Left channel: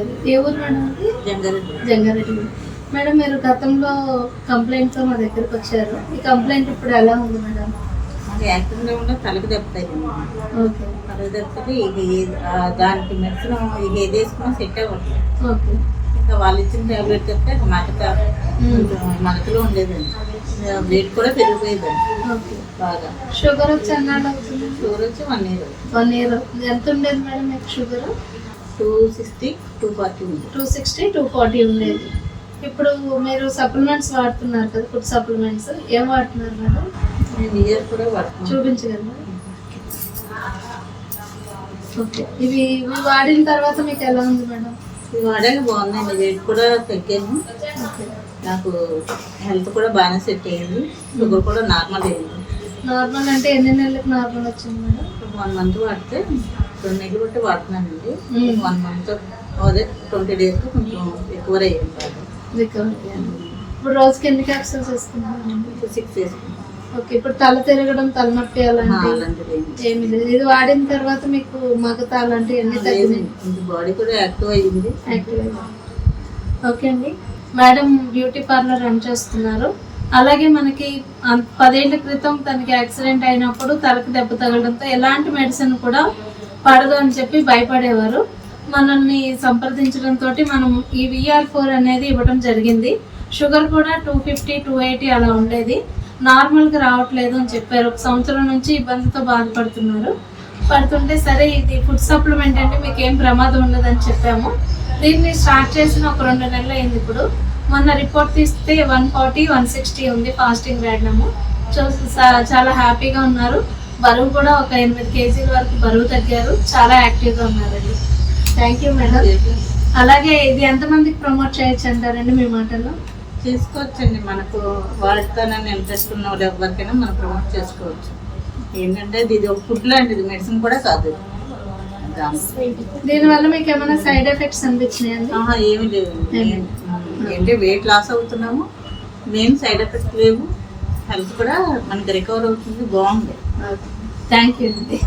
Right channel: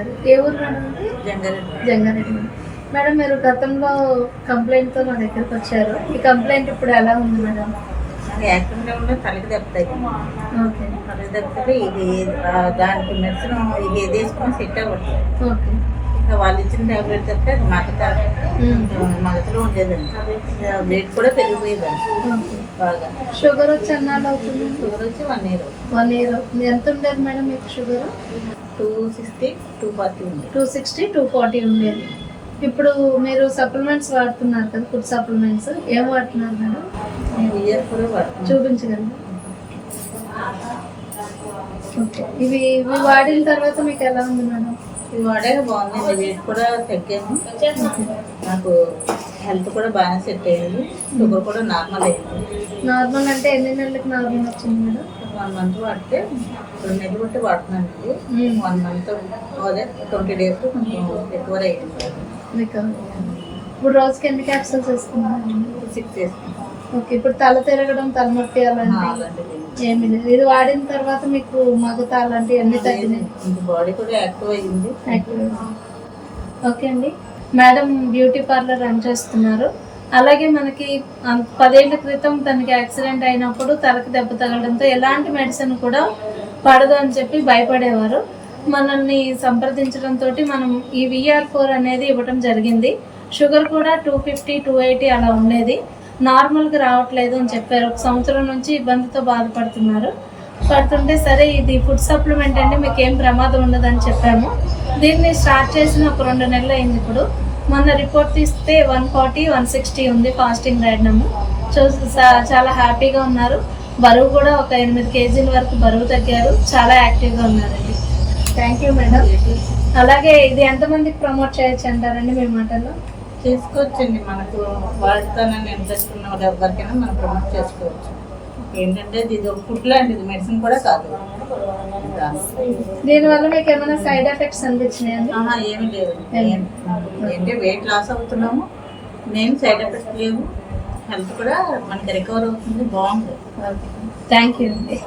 గారు. ఏ ఊరు మేడం అది? జంగారెడ్డి. మేడం మీరు గతంలో కంప్లైంట్తో మా దగ్గరికి వచ్చారు. ఈ కంప్లైంట్ ఇప్పుడు ఎలా ఉంది మేడం? యాక్టివ్గా ఉన్న తలకి దెబ్బతాయి. ఓకే. తలకి దెబ్బతే ఇది దానికి మెడిసిన్ ఇది ఏది వేసుకున్నా సెట్ అవ్వట్లేదు. ఓకే. ఇంకా వాళ్ళు ఇచ్చిన టాబ్లెట్ తప్పితే అది మగతలో ఉండేదండి. వెయిట్ కూడా పెరిగిపోయేదండి. ఓకే. బాగా. షుగర్ వచ్చి ఎన్నాళ్ళు అవుతుంది? షుగర్ వచ్చి 1 year. 1 year. ఎంత ఉండేది మేడం మీకు షుగర్? 260, 240 ఉంది. 260, 240 ఉండేది. ఇప్పుడు మీరు సప్లిమెంట్స్ వాడుతున్నారు కదా, ఫుడ్ సప్లిమెంట్స్ ఏం వాడుతున్నారు మేడం? నేను ఇయర్ కూడా వాడుతున్నాను. చూపించగలరా? ఓకే. ఇవి వాడిన తర్వాత మీకు ఎలా ఉంది మేడం? ఇది వాడాక బాగుందండి. వెయిట్ కూడా తగ్గాను. నాకు హెల్త్ కూడా బాగానే సెట్ అయ్యింది. షుగర్ కూడా నార్మల్ అయ్యింది. నార్మల్ అంటే ఎన్ని నెలలకు నార్మల్ వచ్చింది మేడం? 1 month వాడితే 2 నెలలు బట్టి వాడుతున్నానండి. 1 month అదే 20 days కొంచెం రికవర్ అయ్యింది. ఇప్పుడు రోజుకి ఎన్ని క్యాప్సూల్స్ వేసుకున్నారండి? 6 వేసుకున్నాను. ఓకే. ఇప్పుడు తల తిరగడం, తలనొప్పి అలాంటివి ఏమి లేదు. ఇది వాడిన తర్వాత మీకు మగత అలాంటివి అన్ని తగ్గినాయి. బాడీ కూడా యాక్టివ్ అయ్యింది. ఓకే అండి. మేడం బ్యూటీ పార్లర్ రన్ చేస్తున్నారు. అలాగే మనకి 10 ఏళ్ల క్రితం తనకి యాక్సిడెంట్ అయినప్పుడు తలకు దెబ్బ తగలడంతో ఎలాంటి మెడిసిన్ కూడా పడదు అని చెప్పి భయపడేవారు. మనల్ని సంప్రదించడంతో మనం ఈ VR4 అనేది ఇవ్వడం జరిగింది. షుగర్ కూడా 250, 280 అలా ఉండేది. నార్మల్గా రావట్లేదు అని చెప్పారు. 1 సంవత్సరం నుంచి ఇబ్బందితో పడుతుంటే సరే ఇది ఫుడ్ సప్లిమెంట్ అండి, మీకు ఏం ప్రమాదం ఉండదని చెప్పాము. దీన్ని స్టార్ట్ చేసిన ఒక 2 నెలలు అయింది. ఇప్పుడు మొన్న రిపోర్ట్ తీస్తే 140, 160 ఉంది ఫాస్టింగ్ ర్యాడ్నము. చాలా హ్యాపీగా ఉన్నారు. బరువు కూడా ఒక 8 kg వరకు బరువు తగ్గారు. చాలా యాక్టివ్గా ఉన్నారండి. Thank you madam. అలాగే ఇది ఎంతమందికి ప్రమోట్ చేయొచ్చు అంటారండి మీ మాటల్లో? చేసుకోవచ్చండి. మనకు వాడతానని ఇంట్రెస్ట్ ఉన్న వాళ్ళు ఎవరికైనా మనం ప్రమోట్ చేసుకోవచ్చు. ఏంటంటే ఇది ఒక ఫుడ్ లాంటిది, మెడిసిన్ కూడా కాదు. దీనివల్ల మీకు ఏమైనా సైడ్ ఎఫెక్ట్స్ అనిపించినాయండి? ఏమి లేవు. ఏంటంటే వెయిట్ లాస్ అవుతున్నాము, మెయిన్ సైడ్ ఎఫెక్ట్స్ లేవు. హెల్త్ కూడా మనకి రికవర్ అవుతుంది. బాగుంది. థ్యాంక్ యూ అండి.